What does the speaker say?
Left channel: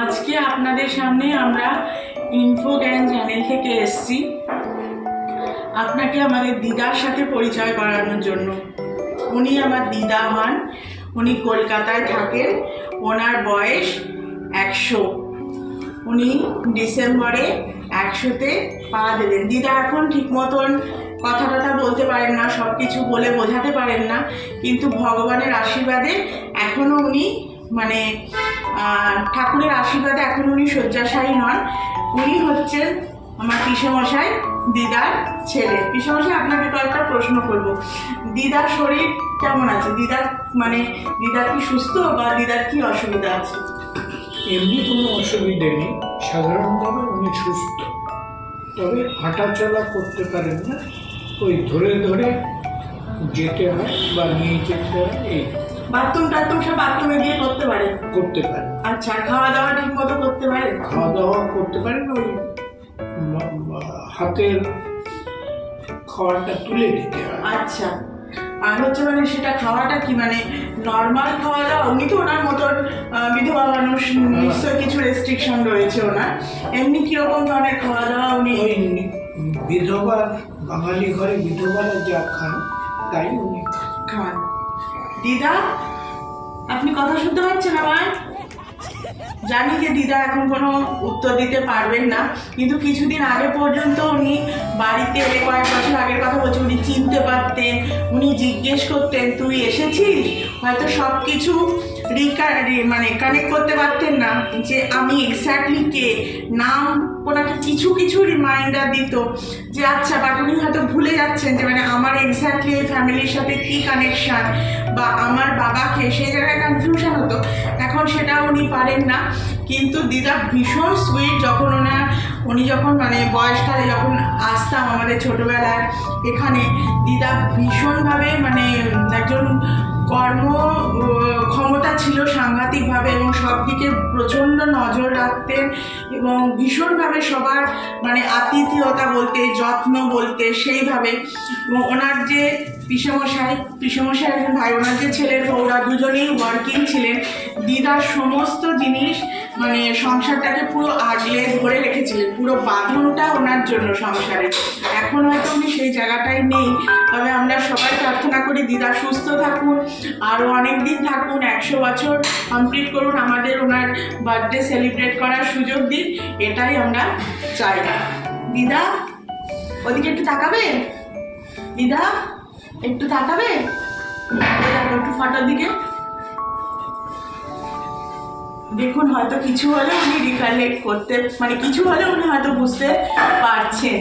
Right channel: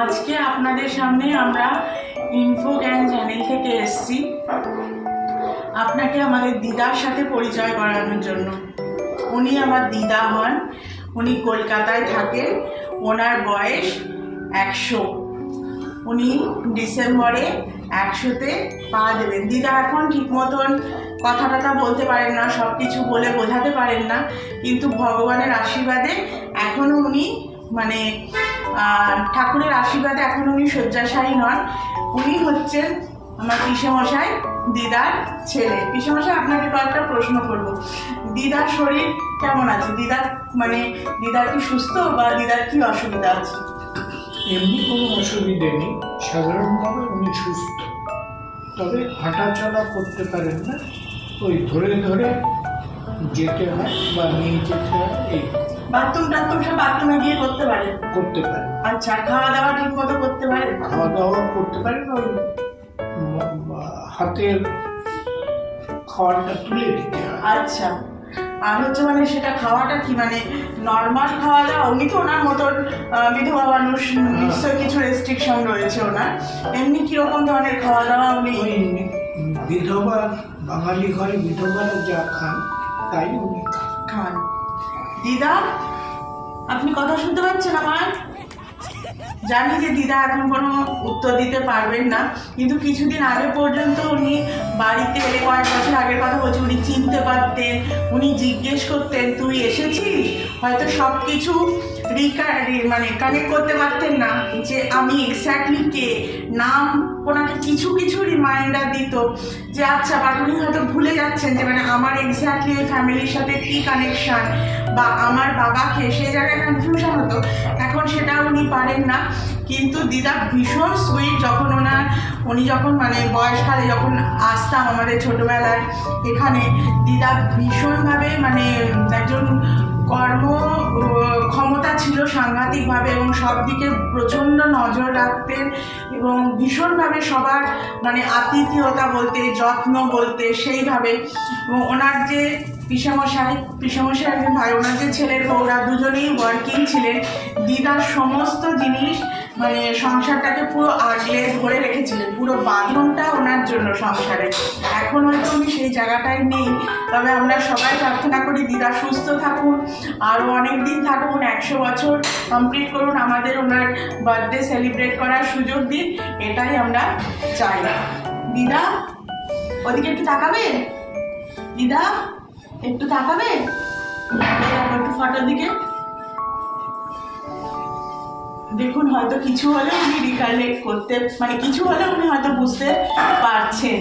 আজকে আপনাদের সামনে আমরা ইনফো জ্ঞান চ্যানেল থেকে এসেছি আপনাকে আমাদের দিদার সাথে পরিচয় করানোর জন্য। উনি আমার দিদা হন, উনি কলকাতায় থাকেন, ওনার বয়স 100। উনি ডিসেম্বরে 100-তে পা দেবেন। দিদা এখন ঠিক মতন কথা টথা বলতে পারেন না, সব কিছু বলে বোঝাতে পারেন না, কিন্তু ভগবানের আশীর্বাদে এখনও উনি মানে ঠাকুরের আশীর্বাদে এখন উনি শয্যাশায়ী নন। উনি হচ্ছেন আমার পিসেমশাই, দিদার ছেলে। পিসেমশাই, আপনাকে কয়েকটা প্রশ্ন করব। দিদার শরীর কেমন আছে? দিদার কি সুস্থ, বা দিদার কি অসুবিধা আছে? এমনি কোনো অসুবিধে নেই, সাধারণভাবে উনি সুস্থ, তবে হাঁটাচলা করতে পারেন না, ওই ধরে ধরে যেতে হয় বা নিয়ে যেতে হয়। এই বাথরুম সব বাথরুমে গিয়ে করতে পারে? করতে পারেন। আচ্ছা, খাওয়া দাওয়া ঠিক মতো করতে পারে? খাওয়া দাওয়া করতে পারেন, ওই হাতের খাওয়াটা তুলে দিতে হয়। আচ্ছা, আর হচ্ছে সেটা খাওয়াটা কি নর্মাল খাওয়া দাওয়া? উনি তো ওনার মতন বিধবা মানুষ, নিশ্চয়ই কিছু রেস্ট্রিকশন রয়েছে ওনার। এমনি কিরকম ধরনের খাওয়া দাওয়া উনি? ওই বিধবা, বাঙালি ঘরে বিধবারা যা খান তাই উনি খান। দিদা, আপনি কথা শুনতে পাচ্ছেন আমার? জানি যে দিদা এখন কোনো উত্তর দিতে পারবেন না, কিন্তু কিছুদিন আগে পর্যন্ত উনি বাড়িতে এলে, কয়েক বছর আগের কথা বলছি, উনি চিনতে পারতেন, উনি জিজ্ঞেস করতেন তুই এসেছিস, হয়তো সব কিছু কানেক্ট করতে পারতেন না যে আমি এক্স্যাক্টলি কে, নাম ওনাকে কিছু কিছু রিমাইন্ডার দিত যে আচ্ছা, বাট উনি হয়তো ভুলে যাচ্ছেন যে আমার এক্স্যাক্টলি ওই ফ্যামিলির সাথে কী কানেকশান, বা আমার বাবাকে, সেই জায়গায় কনফিউশন হতো। এখন সেটা উনি পারেন না। কিন্তু দিদা ভীষণ সুইট। উনি যখন বয়সকালে যখন আসতাম আমাদের ছোটোবেলায় এখানে, দিদা ভীষণভাবে একজন কর্ম ক্ষমতা ছিল সাংঘাতিকভাবে, এবং সব দিকে প্রচণ্ড নজর রাখতেন, এবং ভীষণভাবে সবার আতিথেয়তা বলতে, যত্ন বলতে সেইভাবে। এবং ওনার যে পিসেমশাই একজন ভাই, ওনার যে ছেলের বউরা দুজনেই ওয়ার্কিং ছিলেন। দিদার সমস্ত জিনিস সংসারটাকে পুরো আগলে ধরে রেখেছিলেন, পুরো বাঁধনটা ওনার জন্য সংসারে। এখন হয়তো উনি সেই জায়গাটায় নেই, তবে আমরা সবাই প্রার্থনা করি দিদা সুস্থ থাকুন, আরও অনেক দিন থাকুন, 100 বছর কমপ্লিট করুন, আমাদের ওনার বার্থডে সেলিব্রেট করার সুযোগ দিন, এটাই আমরা চাই। দিদা, ওদিকে একটু তাকাবে? দিদা, একটু তাকাবে? একটু ফটোর দিকে দেখুন, হয়তো কিছু হলে উনি রিকালেক্ট করতে, কিছু হলে উনি হয়তো বুঝতে পারছেন।